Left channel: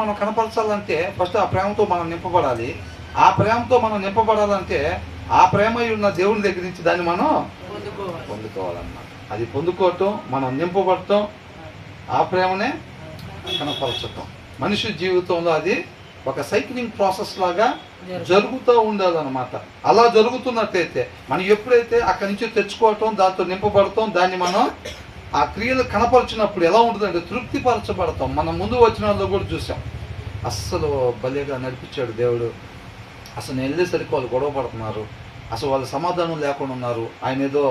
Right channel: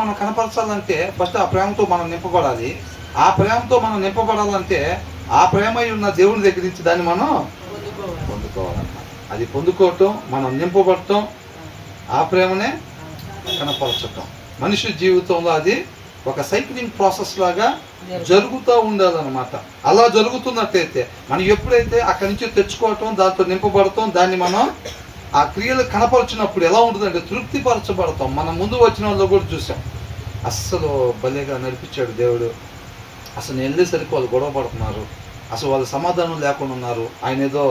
మనం కనపరచాలంటే ఫస్ట్ ఆ ప్రేమతో మనం నింపబడాలి. ఆ ప్రేమతో మనం నింపబడాలంటే ఆ ప్రేమ ఉన్న దేవుని దగ్గర నుంచి దాన్ని మనం పొందుకోవాలన్నమాట. అది పొందుకోవటం, మనం నింపబడటం, ఆ ప్రేమనే కనపరచటం. మనిషి జీవితంలో అది ఒక సైక్లింగ్ ప్రాసెస్ లాగా జరుగుతూ ఉండాలన్నమాట. అలా జరుగుతున్నట్టయితే మనం ఎప్పుడైతే అక్కడి నుంచి తెచ్చుకోవటం, దాంతో నింపబడటం, దాన్ని మనం ఆ క్రియలు కనపరిచినప్పుడు ఎలా ఉంటుందంటే తృప్తిపరచబడతాం. మనం ముందు వచ్చిన వాళ్ళు కూడా చూసాం, అస్సలు భలేగా నడిపించాడు దేవుడు. అసలు నేను వెళ్ళేసరికి వాళ్ళు గొడవ పడుతున్నారు, అసలు వాళ్ళ సమాధానం లేకుండా ఉన్నారు. ఆయన ఏదో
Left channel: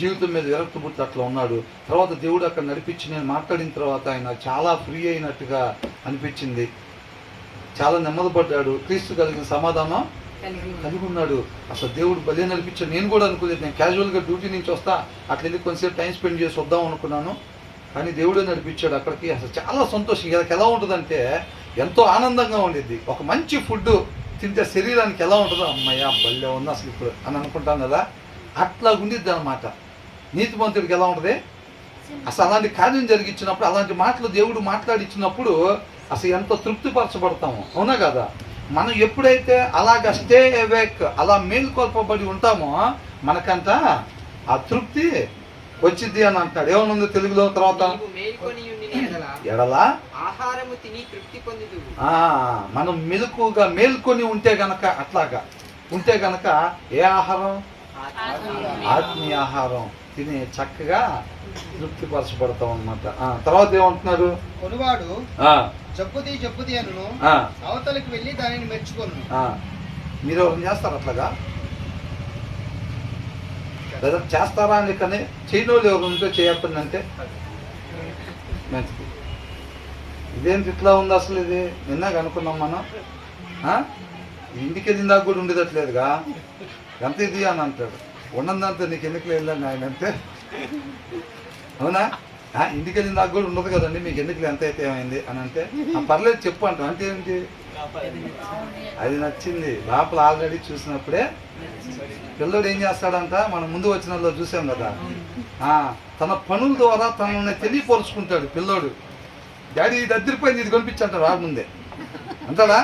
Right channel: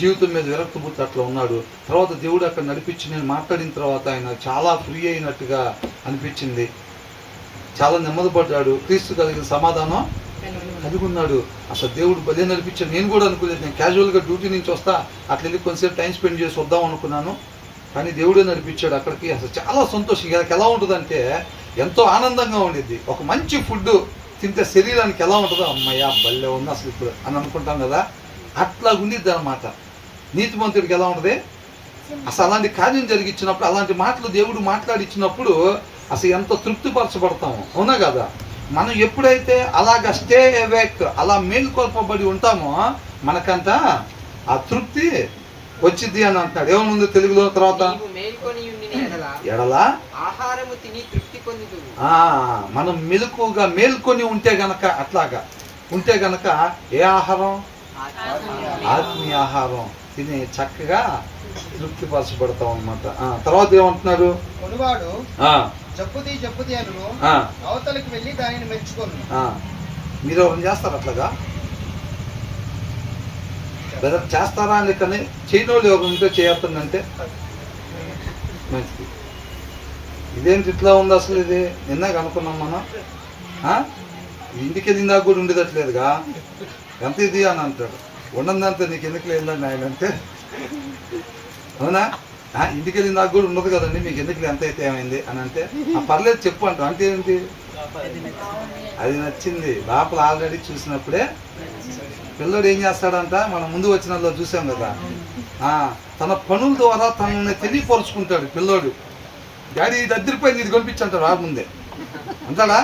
జీవితం మీద విరక్తి పుట్టి అట్లా ఉన్నాడు. తర్వాత దేవుడు అక్కడ నడిపించి నేను మాట్లాడిన తర్వాత ఆయన చాలా ఫ్రీ అయినట్టుగా అనిపించింది. చాలా నెమ్మదిపడ్డాడు. క్రీస్తు కలిగిన సమాధానం కలిగి ఉన్నాడు. అసలు దేవుడు భలే నడిపించాడు. నేను కూడా అనుకోలేదు. నేను క్యాజువల్గా డ్యూటీ నుంచి వస్తా, అట్లా వెళ్ళి కొంచెంసేపు టైం స్పెండ్ చేసి వద్దాం అనుకున్నాను. కానీ దేవుడే నడిపించాడు అక్కడికి. అసలు చాలా సంతోషం. ఇలా ఎలా ఉంటుందంటే ఎంతో ఆనందంగా ఉండిద్ది. ఒక మంచి ఫుడ్ తింటే శరీరానికి ఎలా ఉంటుందో, అమ్మయ్య భలే ఉంది అసలు ఇప్పుడు అని అనుకుంటాం కదా, అట్లా ఉండిద్ది అనమాట. నీతిమంతుడికి ఎలా ఉంటుంది, అసలు అలాంటి కార్యం జరిగించినప్పుడు, అలాంటి మాటలు దేవుడు మాట్లాడిచ్చినప్పుడు అసలు ఎంత తృప్తిపరచబడతాము, అవునా కదా. మనం ఎప్పుడైతే అలాగ స్టే అవేక్, అలా మేలుకొల్పబడి ఉంటామో మనకంట ఆ తృప్తి వచ్చింది అని అంటాడు. ఏమనుంది తెలుగులో తర్వాత, ఎడల ఆహారము తిని తృప్తి పొందుదు. మనం మెలకుగా మేల్కొని ఉంటే గనక, అట్లాగా ఉంటే గనక ఏ ఆహారం, ఆత్మీయ ఆహారం తిని చక్కగా తృప్తిపరచబడతాం అన్నమాట. తర్వాత ఏమంటున్నాడు, జప్పుది అను అవతలికి వెళ్ళి దానిని మెచ్చుకోను. మీరు ఎవరైనా చేస్తారు అట్లాగా? బ్రదర్ చేస్తారా అని, కానీ చేయని వాళ్ళు ఎవరు ఉంటే చేయొద్దంటే మంచిది. ఇదేంటి ఇట్లా ఉంది అసలు, ఇది నిన్నాక అనుకున్నాం మనం. ఇంటికి వెళ్ళిందాక కూడా ఉండేదట్లేదుగా, ఎంత ఇది అని అంటాడు. ఉన్నదంతా నీకు ఎందుకు లేదని ఆయన అంటే, అవునా, ఇంటికి వెళ్ళిన దాకా కూడా ఉండదు కదండి, మీకు ఎందుకు ఎంత అయితే ఏమైంది అని అంటే, పర్లేదు చెప్పు అంటాం. అంటే ఏంటి, అది నచ్చింది. లోపల ఆల్రెడీ చూసినప్పుడే పిల్లడు ఏం చేస్తాడంట, మనం ముందు వచ్చిన వాళ్ళు చూసాం కదా, తన పనుల ద్వారా తనని తెలియపరుచుకుంటాడు పిల్లోడు. డాడీ ఇది అద్దరిపోయింది, ఇది కొనిపించంటాడు రాకముందే అంటాడా.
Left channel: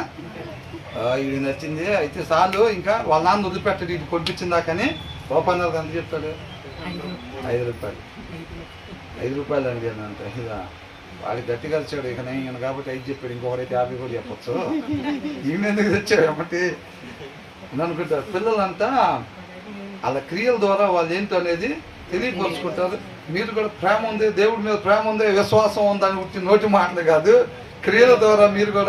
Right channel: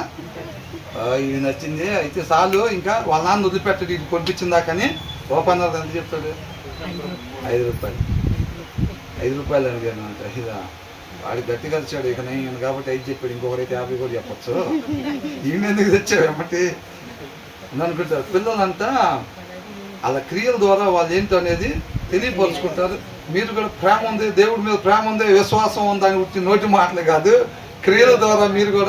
ఇది నచ్చింది అయితే చాలు, ఇంకా వాళ్ళ నాన్న వదిలిపెట్టాడు ఇది కొనిపించిందా. కానీ రూపాయన్నర ఎంత చెప్తాడు, 5 రూపాయలు. 5 రూపాయలు అడిగాను అంట. ఇదా వాడికి గట్టిగా వచ్చాడు. ఇక నేను కాబట్టి 5 చెప్పాడు, ఇంకొకరైతే 50 కూడా చెప్పచ్చు. ఈయన ఎందుకు తెచ్చాడు ఏమంటే అని అనుకుంటారు. పిల్లలంతా అలా క్రియల ద్వారా వాళ్ళు ఏంటో అనేది తెలియపరుచుకుంటారు. మీరు కూడా ప్రేమ ఉంది, దేవుడి మీద ప్రేమ ఉంది, విశ్వాసం ఉందని నోటి మాటలు కాదు, క్రియల ద్వారా మీరు కూడా